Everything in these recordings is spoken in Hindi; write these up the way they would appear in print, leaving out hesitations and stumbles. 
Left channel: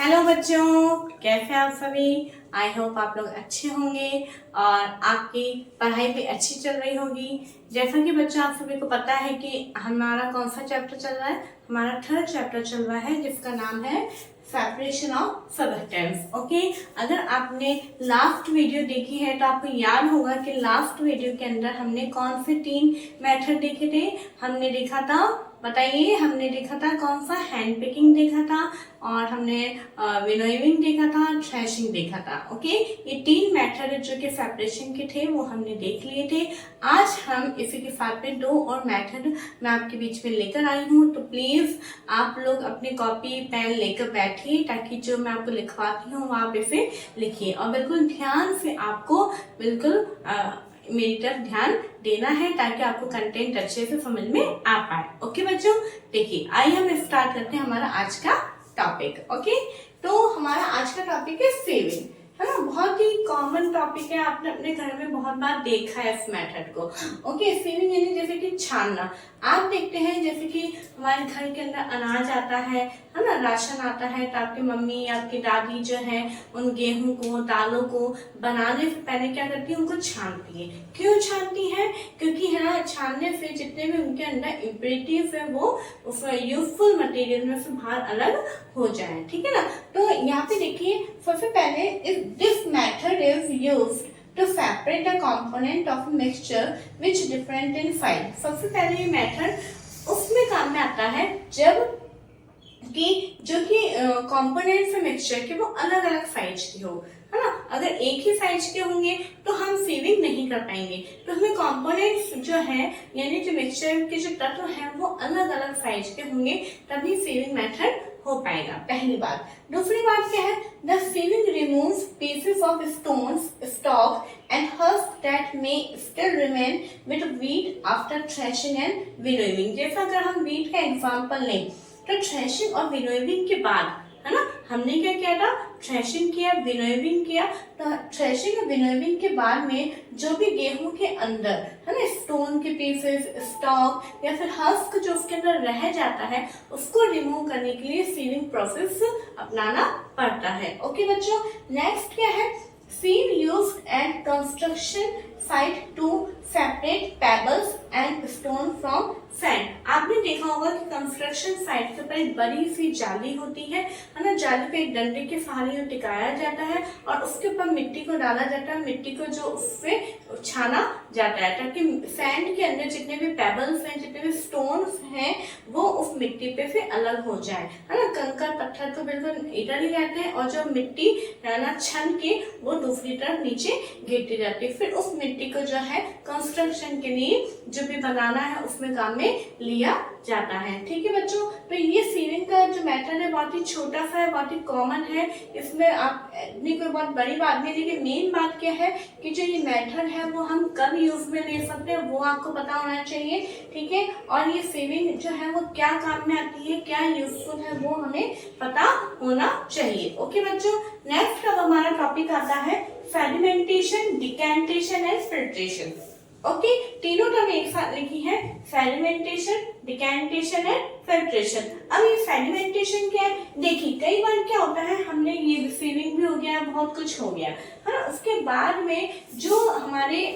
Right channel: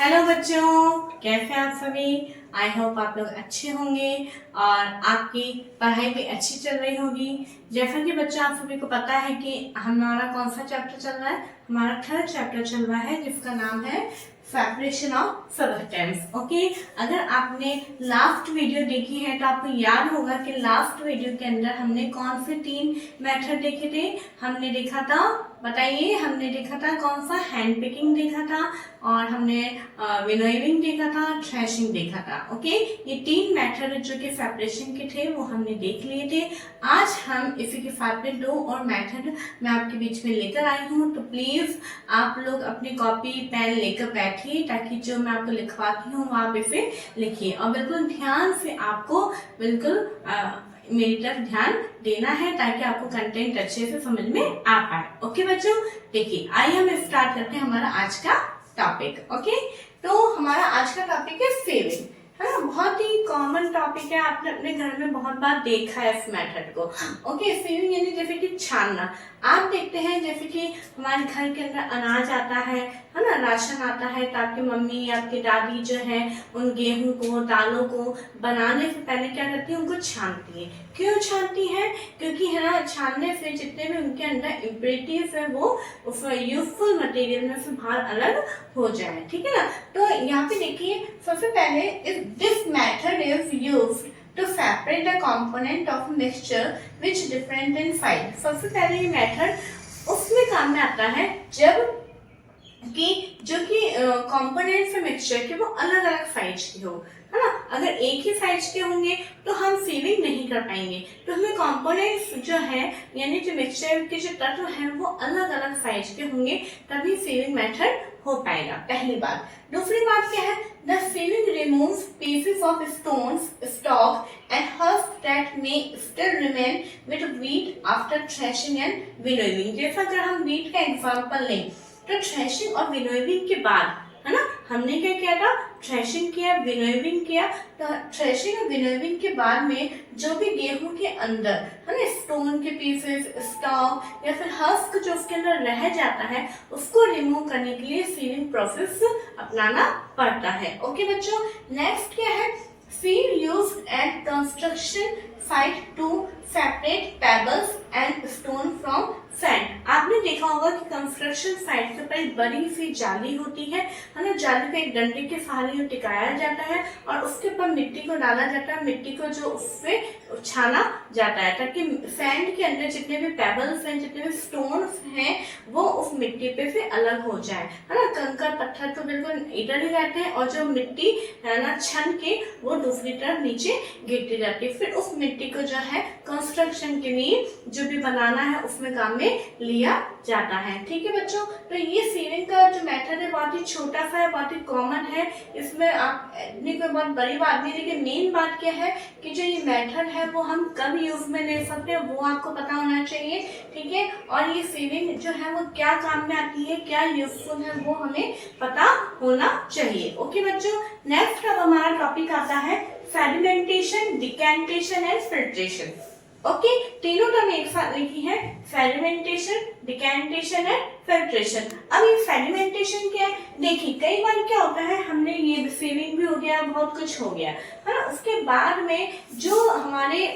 हेलो बच्चों, कैसे आप सभी। आई होप आप लोग अच्छे होंगे और आपकी पढ़ाई भी अच्छी चल रही होगी। जैसा कि बच्चों आप सभी को पता है कि हमारा कौन सा चैप्टर चल रहा है, हमारा थर्ड चैप्टर चल रहा है जिसका नाम है सेपरेशन ऑफ सबटेंस। ओके, अगर आपने लास्ट वीडियो देखी है तो आपको याद होगा कि लास्ट वीडियो के अंदर हमने कौन से 3 मेथड देखे थे। हमने देखा था, बताइए, हमने देखा था कौन सा, हैंड पिकिंग देखा था और हमने विनोइंग देखा था, थ्रेशिंग देखा था। ओके, ये 3 मेथड जो कि सेपरेशन के थे वो हमने देख लिए थे। आज हम इसी के साथ में 2 और मेथड मैं आपके बीच में लेकर आई हूँ, तो प्लीज आप लोग अपनी कॉपी पेन लेकर बैठिए ताकि जो मैं आपको लिखवाती हूँ वहां पे से लिखिए और बिल्कुल ध्यान से आपको बिल्कुल मेरी तरफ ध्यान देना है ताकि आपको कंटेंट अच्छे से समझ में आ पाए। ओके बच्चों, देखिए आइए हम स्टार्ट करते हैं हमारा आज का टॉपिक। ओके, तो हमारा आज का टॉपिक है सेविंग, है ना। बहुत ही कॉमन टॉपिक है, आपने अपने घर में बहुत बार देखा है इस मेथड को। ओके, सेविंग यानी जैसे कि छानना। आप देखते हैं जैसे कि हमारे घर के अंदर अनाज आता है ना, राशन आता है, तो आपकी मम्मी आपकी दादी जो है उन गेहूं को दालों को बनाने से पहले क्या करती है, उनको छानती है। क्यों छानती है? क्योंकि है ना, छानने से जितने भी उनके अंदर इम्प्योरिटीज है वो यूजफुल मटेरियल में से बाहर अलग हो जाए। ठीक है ना। तो यहाँ पे देखिए, सबसे पहले this method is used to separate the component of a mixture which different in size। सबसे पहले ये मेथड उसमें काम में आता है जब कि जो कि कंपोनेंट्स है मिक्सचर के वो अलग अलग साइज के हो, है ना। अगर एक ही साइज के होंगे तो हम सीविंग नहीं कर पाएंगे, तो हमें कंपोनेंट्स जो है यानी जो मिक्सचर के जो तत्व हैं वो अलग अलग साइज के होंगे, तभी सीविंग मेथड हो पाएगा। पहली बात। दूसरी बात क्या है, the sieving removes pieces of stones, stalk and husk that may still remain with wheat after threshing and winnowing. जैसा अगर हम व्हीट का एग्जांपल लें तो थ्रेशिंग और विनोइंग के बाद, है ना, हमने क्या किया था, थ्रेशिंग किया, विनोइंग किया। तो थ्रेशिंग और विनोइंग के बाद में जो भी गेहूं के अंदर, है ना, स्टोन के पीसेस, स्टॉक या फिर हस्क जो उसके अंदर रह जाता है उसको रिमूव करने के लिए सीविंग प्रोसेस अपनाना पड़ता है। ओके बच्चों, नेक्स्ट क्या है, sieve used at construction site to separate pebbles and stone from sand। आपने देखा होगा कि कंस्ट्रक्शन साइट के ऊपर एक बड़ी सी जाली होती है ना। जाली पे एक डंडे के सहारे टिकाया जाता है और उसके ऊपर मिट्टी को डाला जाता है, मिट्टी को जो उससे छाना जाता है ताकि सैंड के अंदर जितने भी पेबल्स हैं, जितने भी स्टोन्स हैं वो उस मिट्टी पे से अलग हो जाए, है ना। कंकड़ पत्थर तो बिल्कुल इधर ही रहते हैं और जो मिट्टी है ना छन के वो दूसरी तरफ नीचे गिरती रहती है। फिर उस मिट्टी को जो है कंस्ट्रक्शन के लिए जो भी बनाना है उसमें काम में लिया जाता है। ठीक है बच्चों, तो ये सीविंग का जो मेथड है बहुत ही छोटा सा है, बहुत ही कॉमन है, इसमें आप कोई बहुत बड़ी बात नहीं। लेकिन मेन बात क्या है कि जो ये मेथड है वो हम कब यूज में ले सकते हैं वो आपको पता होना चाहिए। ठीक है, और ये सीविंग जो है वो क्या काम में आती है, क्या यूजफुल है वो हमें पता होना चाहिए। ओके बच्चों, नेक्स्ट अब हमारा टॉपिक आता है sedimentation, decantation and filtration. Okay, तीनों टर्म एक साथ लिखी है, सेडिमेंटेशन, डिकैंटेशन एंड फिल्ट्रेशन। अब ये सेडिमेंटेशन क्या है, देखिए कई बार क्या होता है, हमने ये सीविंग भी हो गया, बहुत कुछ हो गया, है ना। उसके बाद में जो हमारे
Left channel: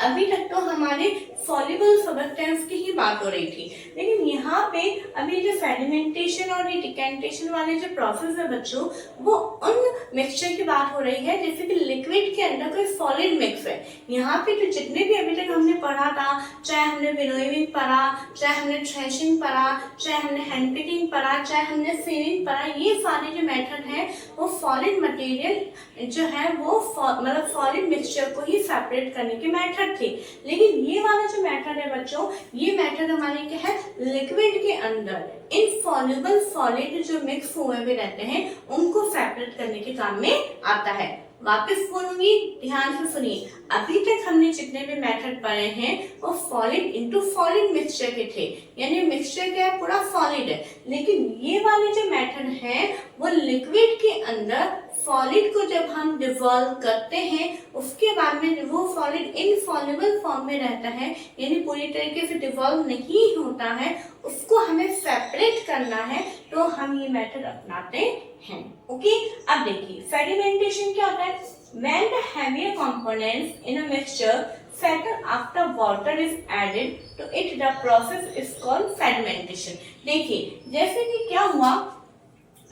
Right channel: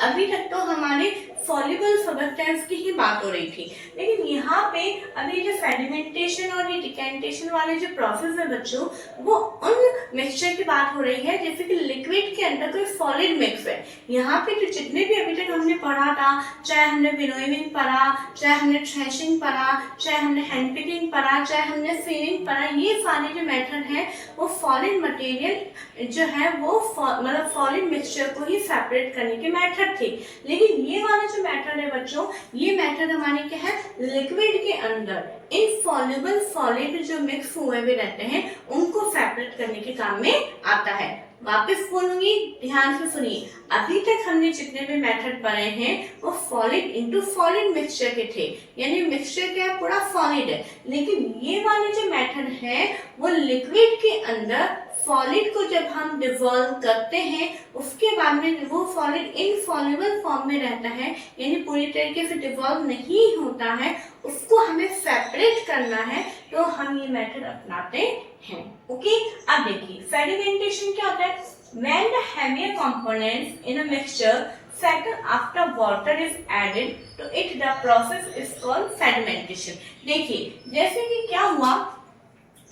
अभी तक तो हमारे सॉल्युबल सबस्टेंस की ही बात हो रही थी, लेकिन यहाँ पे अभी जो सेडिमेंटेशन और ये डिकैंटेशन वाले जो प्रोसेस है बच्चों, वो उन मिक्सचर की बात हो रही है जैसे कि लिक्विड के अंदर कोई सॉलिड मिक्स है। यहाँ पे जो जितने भी अभी तक हमने पढ़ा था, चाहे हमने विनोइंग पढ़ा, चाहे हमने थ्रेशिंग पढ़ा, चाहे हमने हैंड पिकिंग पढ़ा, चाहे हमने सीविंग पढ़ा, ये सारे जो मेथड है वो सॉलिड मटेरियल जो है वो मतलब सॉलिड मिक्सचर को ही सेपरेट करने के मेथड थे। लेकिन ये वाला जो मेथड है बच्चों, ये मेथड हमारे क्या है, लिक्विड के अंदर इनसॉल्युबल सॉलिड जो मिक्स हुए हुए रहते हैं उनको सेपरेट करने के काम में आता है। वापस बोलूंगी, ध्यान से सुनिए, अभी तक हमने जितने भी मेथड पढ़े हैं वो सॉलिड इनटू सॉलिड मिक्सचर के थे, यानी मिक्सचर क्या है, पूरा सॉलिड है। लेकिन ये वाले जो मेथड है वो लिक्विड के अंदर सॉलिड को जब हम डिसॉल्व करते हैं उसके बाद में वो सॉलिड इनसॉल्युबल फॉर्म में रहता है, यानी पूरी तरीके से डिसॉल्व नहीं होता है, उसको हमें सेपरेट करना है, तो हम ये मेथड अपनाते हैं। ओके, अब देखिए सेडिमेंटेशन क्या होता है? When the heavier components in a mixture settle after water is added to it, the process is called sedimentation. देखिए जैसे कि क्या हुआ,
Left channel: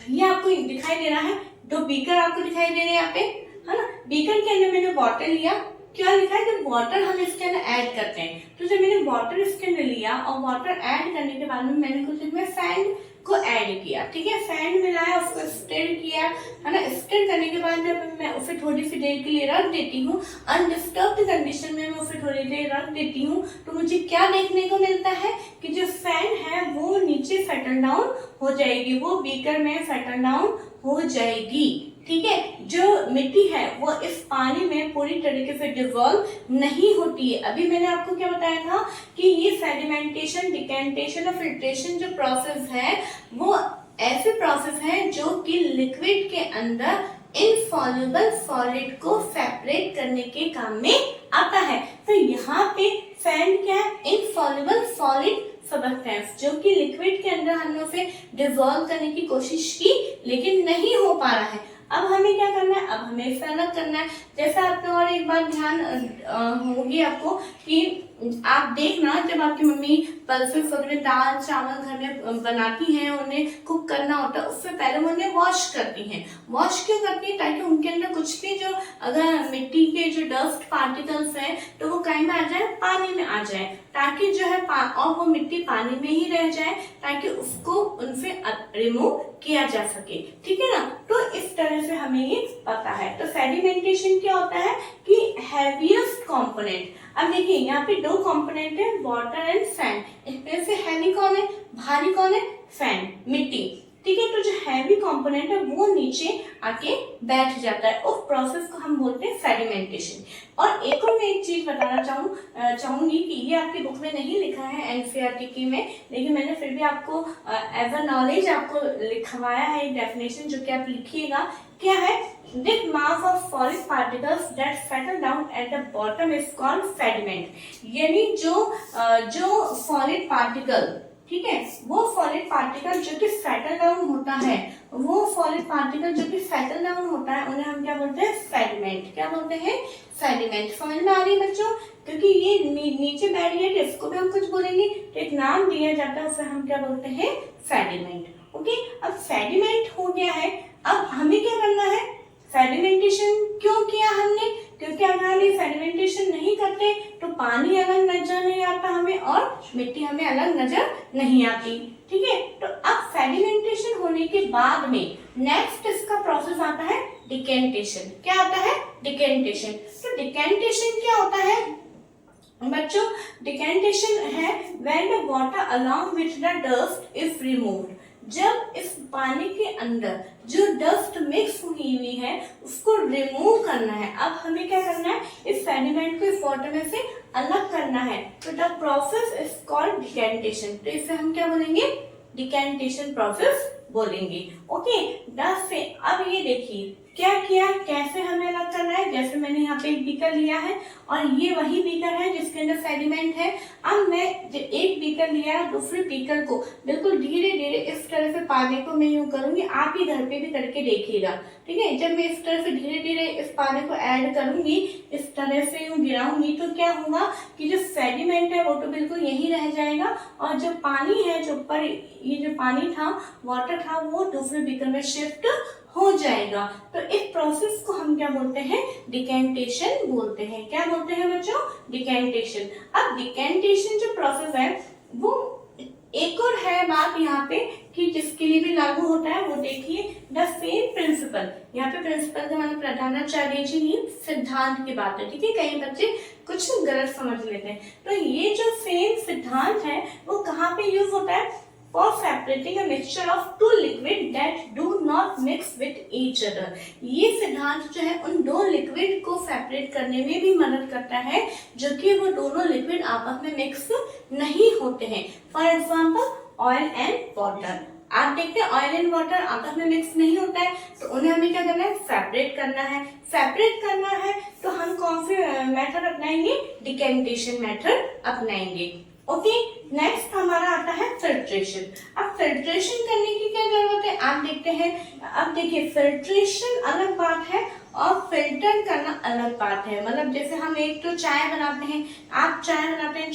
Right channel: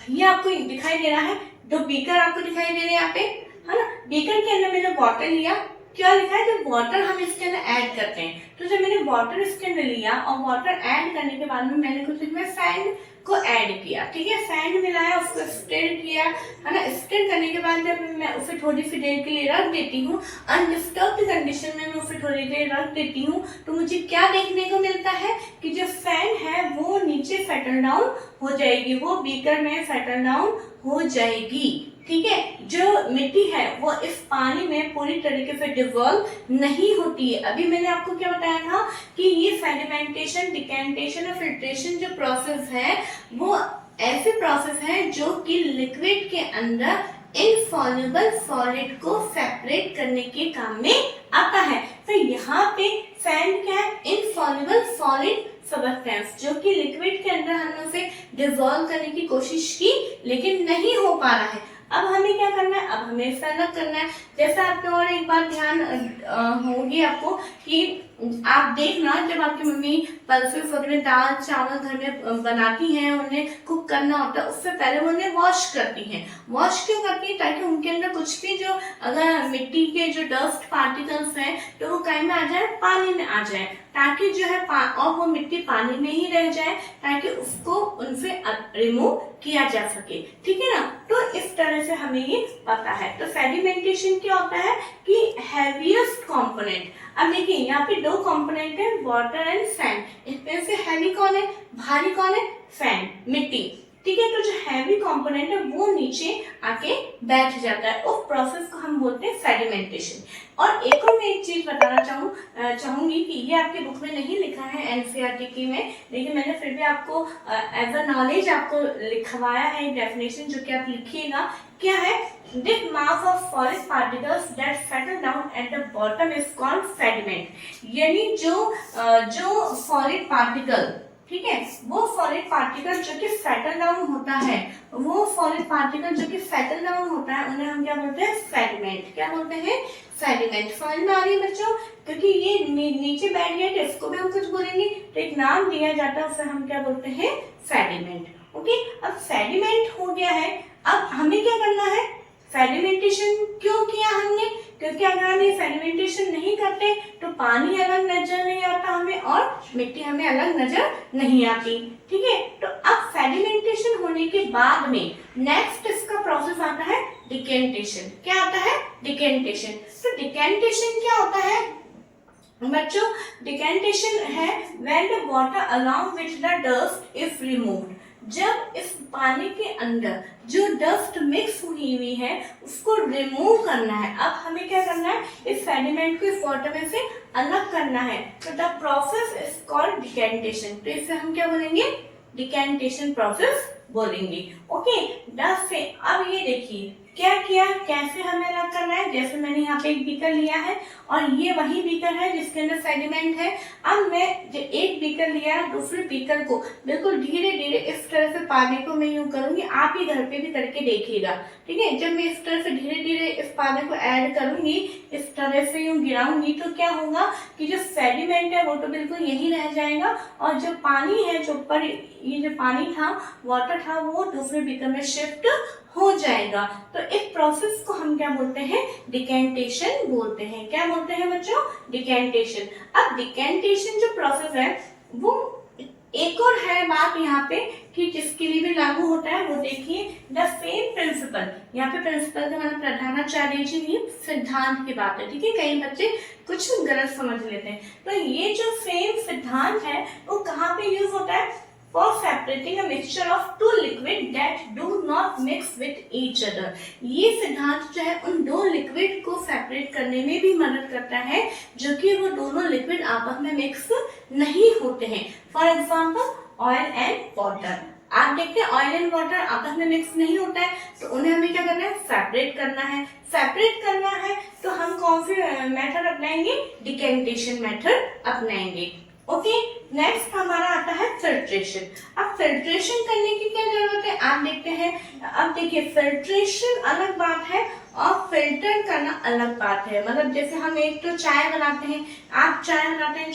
ये आपको दिखाई दे रहा है, दो बीकर आपको दिखाई दे रहे हैं यहाँ पे, है ना। बीकर के अंदर मैंने वाटर लिया, क्या लिखा है? जब वाटर हम इसके अंदर ऐड करते हैं, तो जब मैंने वाटर इसके अंदर लिया और वाटर ऐड करने के बाद में मैंने कुछ इसमें सैंड को ऐड किया, ठीक है, सैंड मिलाया, उसको स्टिर किया, है ना। स्टिर करने के बाद जब मैं उसे थोड़ी सी देर के लिए रख देती हूँ, अनडिस्टर्ब्ड कंडीशन में मैं उसे थोड़ी देर रख देती हूँ, तो मुझे क्या देखने को मिलता है कि जो सैंड है वो नीचे सेटल डाउन हो जाएगी, वो बीकर में सेटल डाउन हो जाएगी, ठीक है। जो मिट्टी है वो इस पानी में पूरी तरीके से डिसॉल्व नहीं होती है। अभी मैंने आपको क्या बताया था कि ये सेडिमेंटेशन, डिकेंटेशन और फिल्ट्रेशन जो प्रोसेस है वो ऐसे प्रोसेस है जो कि लिक्विड के अंदर इनसॉल्युबल सॉलिड को सेपरेट करने के काम में आता है। तो यहाँ पे सैंड क्या है? इनसॉल्युबल सॉलिड सब्सटेंस, जो कि लिक्विड के अंदर हमने उसे डिसॉल्व करने की कोशिश की लेकिन नहीं हो पा रहा है। अब हमें क्या करना है? अब हमें इसे अलग करना है। जैसा आपने और एक बार ध्यान होगी आपको कि आप देखना, जब आपकी मम्मी पल्सेस वगैरह दाल चावल घर में बनाती हैं, उन्हें कुक करना होता है, उससे पहले वो उन्हें वॉश करती हैं। वॉश क्यों करती हैं? ताकि उनके अंदर कुछ भी जो अगर मिट्टी के जो डस्ट पार्टिकल्स हैं तो वो कहीं में आ जाए, पानी में आ जाए, ताकि जो है और वो मिट्टी पानी में ही रह जाए, ताकि उसको उनसे रिमूव किया जा सके, ठीक है ना। तो इस तरह से हमें ये पता है। तो सेडिमेंटेशन क्या होता है कि हैवीएस्ट कंपोनेंट, अब देखिए यहाँ पे दो कंपोनेंट है, वाटर एंड सैंड। इसमें से हैवी कौन है? भारी कौन है? सैंड, मिट्टी, ठीक है। तो जो हैवी कंपोनेंट है वो नीचे आके बैठ जाता है, उस प्रोसेस को हम बोलते हैं सेडिमेंटेशन। और एक और मैं एक चीज बताना चाहूंगी कि ये आपकी बुक में नहीं लिखा है एनसीईआरटी की में, लेकिन मैंने फिर भी आपको एज अ नॉलेज आपको लिखवाया है डेफिनेशन, जो कि आप लिखिएगा। क्या है? This mass of solid particles that settle down at the bottom is called sediment. यानी जो solid particle, ठीक है, वो सॉलिड पार्टिकल जो कि सेटल डाउन होता है, वो सॉलिड पार्टिकल जो कि सेटल डाउन होता है उन्हें हम क्या बोलते हैं? सेडिमेंट। क्या बोलते हैं? सेडिमेंट। समझ में आ रही है बच्चों? क्योंकि ये नीचे बैठ गया है, इसको भी हम कुछ बोलेंगे तो एक नाम दिया जाता है, उसे हम क्या बोलते हैं? सेडिमेंट। ओके, अब सेडिमेंट हो गया है, अब हमें क्या करना है? सेडिमेंटेशन क्यों किया हमने? क्योंकि अगर हम ये सेडिमेंटेशन नहीं करते तो पानी अलग नजर नहीं आता हमें और मिट्टी हमें अलग नजर नहीं आती, ठीक है। तो अब सेडिमेंटेशन होने के बाद में नेक्स्ट इसका प्रोसेस आता है डिकेंटेशन। क्या आता है? डिकेंटेशन। तो डिकेंटेशन क्या होता है बच्चों? डिकेंटेशन है when the water along with the dust is removed. जब इस पानी के अंदर जो डस्ट मिक्स हुई है उसको रिमूव करना है। अब हमें क्या करना है? इस सेडिमेंट को इस वाटर में से अलग करना है। तो the process is called decantation. तो इसे हम क्या बोलेंगे? डिकेंटेशन प्रोसेस बोलेंगे। ओके, डस्ट से अब ये देखिए क्या किया, कैसे हमें अलग करना है। जैसे मैंने यहाँ पे एक बीकर लिया है और ये वही बीकर है जिसके अंदर सेडिमेंट है। अब मैं एक बीकर लिया, दूसरे बीकर को बिल्कुल धीरे धीरे इस तरह से पानी को मैं यूं करूंगी, आप ही घर पे भी करके देखिएगा, ठीक है। जब मैं इस तरह से धीरे धीरे इस पानी को ऐड करूंगी, इस तरह से यूं गिराऊंगी, तो क्या होगा कि जो सेडिमेंट है वो तो बिल्कुल यही रह जाएगा और जो पानी है, जो ऊपर ये जो पानी था, वाटर था, वो दूसरे बीकर में शिफ्ट हो जाएगा। तो इस प्रोसेस को हम क्या बोलते हैं? डिकेंटेशन बोलते हैं। क्या बोलते हैं बच्चों? डिकेंटेशन। अब डिकेंटेशन जो प्रोसेस है वो एक और है बात यहाँ पे कि जिसके लिए भी लागू होता है, वो देखिए द सेम प्रिंसिपल। यहाँ पे प्रिंसिपल का मतलब प्रधानाचार्य जी नहीं, सिद्धांत की बात है, ठीक है। कई बच्चे कुछ गलत समझ लेते हैं। तो ये जो सेम सिद्धांत है वो कहाँ पे यूज होता है? For separating a mixture of two liquid that do not mix with each other। ये सिद्धांत जो है उन दो लिक्विड को सेपरेट करने में भी मदद करता है जो कि वो दोनों लिक्विड आपस में मिक्स नहीं होते हैं। For example oil and water. आप देखते हैं ऑयल एंड वाटर आपस में मिक्स नहीं होता है, तो उन्हें हमें क्या करना है? सेपरेट करना है। सेपरेट करना है तो हम कौन से मेथड अपनाएंगे? डिकेंटेशन मेथड अपनाएंगे। ओके, नेक्स्ट हमारा आता है फिल्ट्रेशन। अब फिल्ट्रेशन करने की क्या जरूरत है, आप देखते हैं। अब देखिए, फिल्ट्रेशन अलग बात है और फिल्टर करना अलग बात है। मतलब जैसे हम एक तो चाय बनाते हैं, आप चाय बनाते हैं,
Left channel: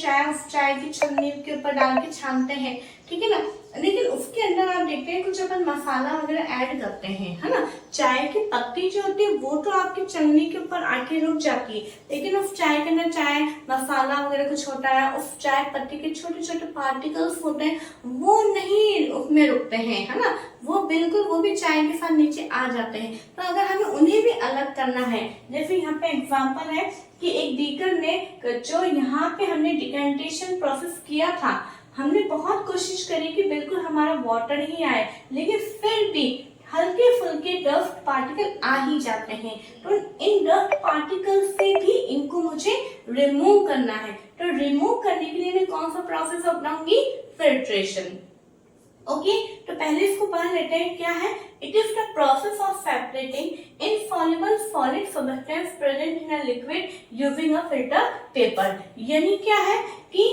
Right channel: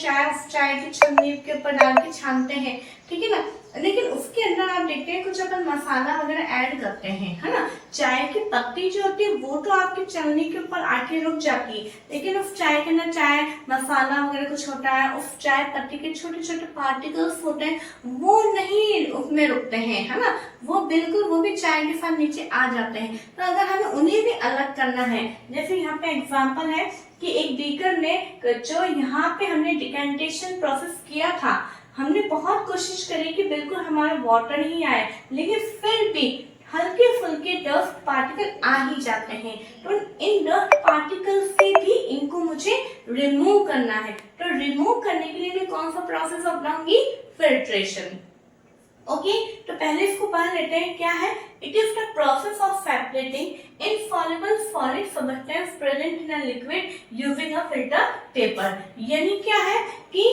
चाय की छन्नी के ऊपर डाल के छानते हैं, ठीक है ना, लेकिन उसके अंदर आप देखते हैं कुछ अपन मसाला वगैरह ऐड करते हैं, है ना। चाय की पत्ती जो होती है वो तो आपकी छन्नी के ऊपर आके रुक जाती है, लेकिन उस चाय के अंदर चाय मसाला वगैरह कुछ होता है, उस चाय पत्ती के छोटे छोटे पार्टिकल्स होते हैं, वो नहीं उसमें रुकते हैं, है ना, वो बिल्कुल वो भी चाय के साथ नीचे आ जाते हैं। तो अगर हमें उन्हें भी अलग करना है, जैसे यहाँ पे एग्जाम्पल है कि एक बीकर में जो यहाँ पे हमने डिकेंटेशन प्रोसेस किया था, हमने बहुत कोशिश करी कि बिल्कुल हमारा वाटर ही आए, लेकिन फिर भी हल्के फुल्के डस्ट पार्टिकल आ ही जाते हैं। तो इन डस्ट पार्टिकल से भी इनको मुझे रिमूव करना है। तो रिमूव करने के लिए मैं कौन सा प्रोसेस अपनाऊंगी, फिल्ट्रेशन। ओके, तो पहले इसको पढ़ लेते हैं, क्या है। It is the process of separating insoluble solid substance present in a liquid using a filter paper. यानी क्या है कि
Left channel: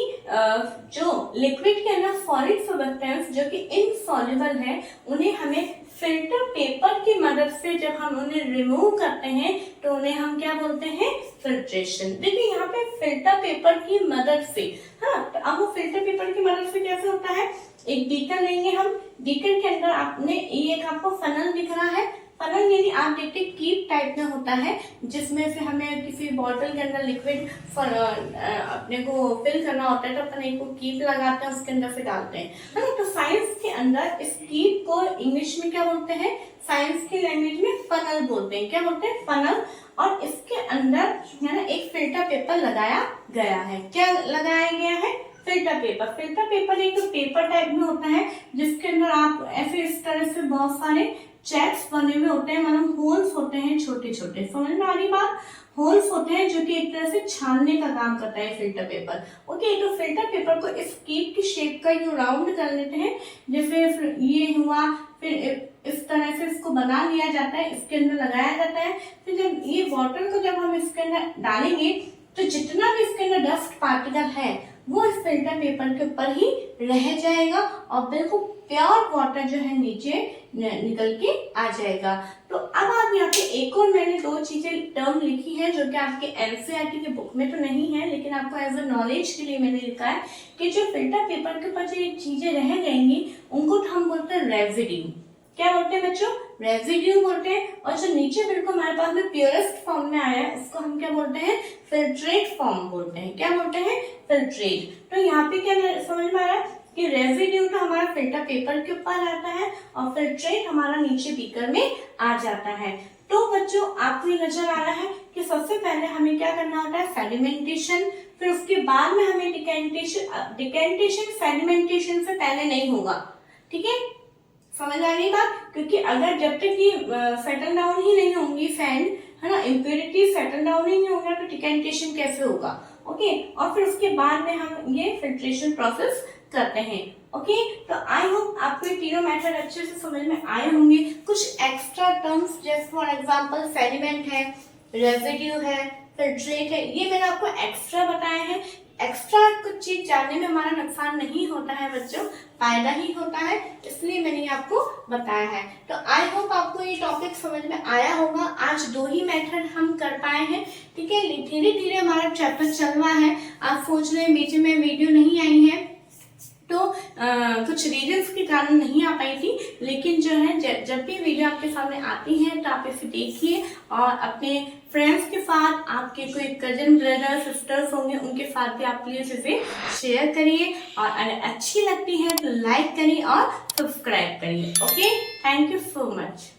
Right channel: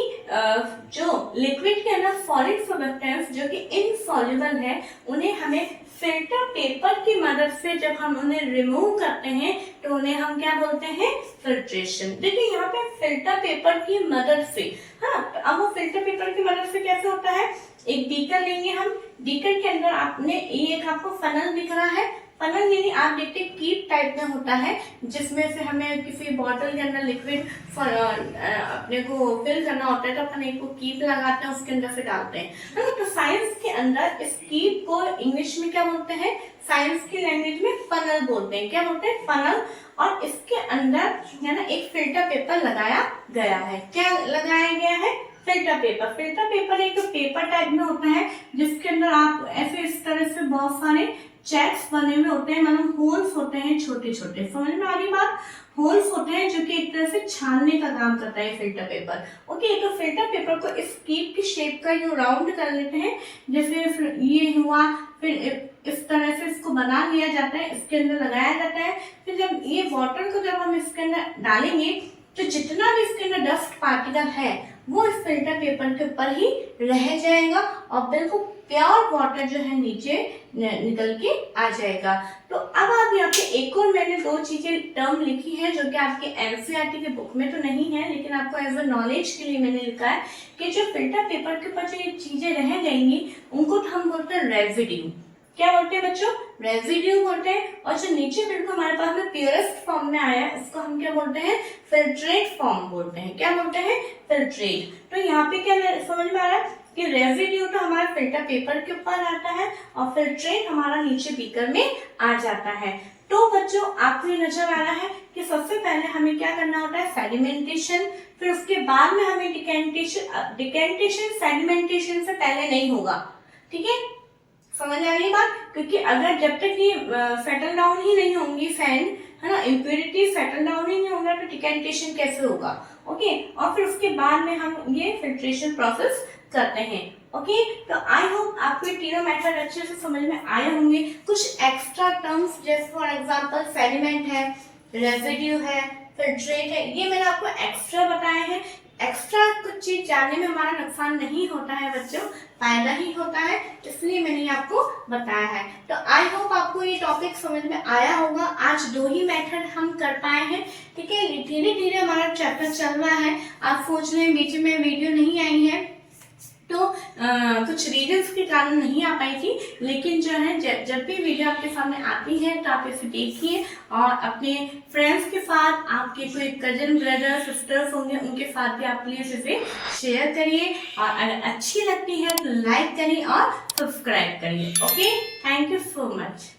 जो लिक्विड के अंदर सॉलिड सब्सटेंस जो कि इनसॉल्युबल है, उन्हें हमें फिल्टर पेपर की मदद से जब हम उन्हें रिमूव करते हैं तो उन्हें हम क्या बोलते हैं, फिल्ट्रेशन। देखिए यहाँ पे फिल्टर पेपर की मदद से, हाँ, तो अब वो फिल्टर पेपर की मदद से कैसे होता है, एक बीकर लेंगे हम, बीकर के अंदर आपने ये एक आपको फनल दिख रहा है, फनल यानी आप देखते हैं कीप टाइप में होता है, जिसमें से हमें किसी बॉटल के अंदर लिक्विड अपने को फिल करना होता है, तो अपन एक कीप लगाते हैं, उसके अंदर से डालते हैं, है ना। तो साइंस के अंदर इस कीप को इंग्लिश में क्या बोलते हैं, साइंस की लैंग्वेज में फनल बोलते हैं। क्या बोलते हैं, फनल। और इसके अंदर है ना एक फिल्टर पेपर लगाया गया है। क्या लगाया गया है, फिल्टर पेपर। फिल्टर पेपर एक पेपर टाइप में होता है जिसके अंदर आप ऐसे इस तरह से बहुत सारे चेक्स बने हुए होते हैं, मतलब होल्स होते हैं छोटे छोटे, समझ में आ रही बात, होल्स होते हैं जो कि एक तरह से छानने का काम करता है फिल्टर पेपर। ओके, तो फिल्टर पेपर को इस कीप की शेप का यूं राउंड कर लेते हैं, जैसे ये हुआ, फिर इस तरह से इसको बना लिया जाता है, इसके अंदर लगाया जाता है। फिर जब ये वाटर को जब हम इसके अंदर डालेंगे तो जितना भी इसके अंदर डस्ट पार्टिकल है वो इस फिल्टर पेपर के ऊपर ही रह जाएगा और बिल्कुल प्योर वाटर जो है नीचे निकल के आ जाएगा। तो अब आप यहाँ पे एक और मैंने दो चीजें टर्म लिखी है जो कि आपके एनसीईआरटी के बुक में तो नहीं है, लेकिन आपको एज अ नॉलेज के लिए मैंने लिखा है कि जो फिल्टर पेपर के ऊपर जो ये चीजें रह जाएंगी उनको तो हम बोलते हैं रेजिड्यू। क्या बोलते हैं बच्चों, रेजिड्यू बोलते हैं। और जो नीचे बिल्कुल हमारे पास में प्योरेस्ट फॉर्म में आया है उसको हम क्या बोलते हैं, फिल्ट्रेट फॉर्म बोलते हैं। क्या बोलते हैं, फिल्ट्रेट। तो यहाँ पे क्या समझ में आ रहा है कि रेजिड्यू तो हमारा फिल्टर पेपर के ऊपर आता है और फिल्ट्रेट हमारा नीचे बीकर में आ जाता है। तो बच्चों आपको ये नजर आ रहा है कि सबसे पहले हमें क्या करना होता है, सेडिमेंटेशन, फिर उसके बाद में हमें डिकेंटेशन। डिकेंटेशन सेडिमेंटेशन से पहले नहीं होगा, ठीक है, समझ आ रही बात। क्योंकि अगर जब तक ये सेटल डाउन ही नहीं होंगी सैंड, है ना, इम्प्योरिटी सेटल डाउन ही नहीं होगा तो डिकेंटेशन कैसे होगा। ओके, और फिर उसके बाद में हम ये फिल्ट्रेशन प्रोसेस करते हैं। ओके, तो आई होप आपको ये तीनों मेथड अच्छे से समझ में आए होंगे। कुछ एक्स्ट्रा टर्म्स जैसे फॉर एग्जांपल सेडिमेंट है, रेजिड्यू है, फिल्ट्रेट है, ये मैंने आपको एक्स्ट्रा बताए हैं। एक्स्ट्रा कुछ चीज जानने में हमारा नुकसान नहीं होता है बच्चों, फायदा ही होता है, इसलिए मैंने ये आपको बताया है। तो आई होप आपको ये टॉपिक समझ में आया होगा। आज दो ही मेथड हम कर पाए हैं, ठीक है, धीरे धीरे हमारा चैप्टर चल रहा है। आप सोच रहे हैं बीच में वीडियो नहीं आई है तो कुछ रीजंस के कारण नहीं आ पाई थी, लेकिन जो है जब भी वीडियो आपके सामने आती है तो आप इसे देखिए और अपने फ्रेंड्स के साथ, आपके कोई कजन ब्रदर सिस्टर्स होंगे उनके साथ भी आप प्लीज इसे शेयर करिए और अगर अच्छी लगती है तो लाइक करिए और सब्सक्राइब करिए। Okay, thank you so much.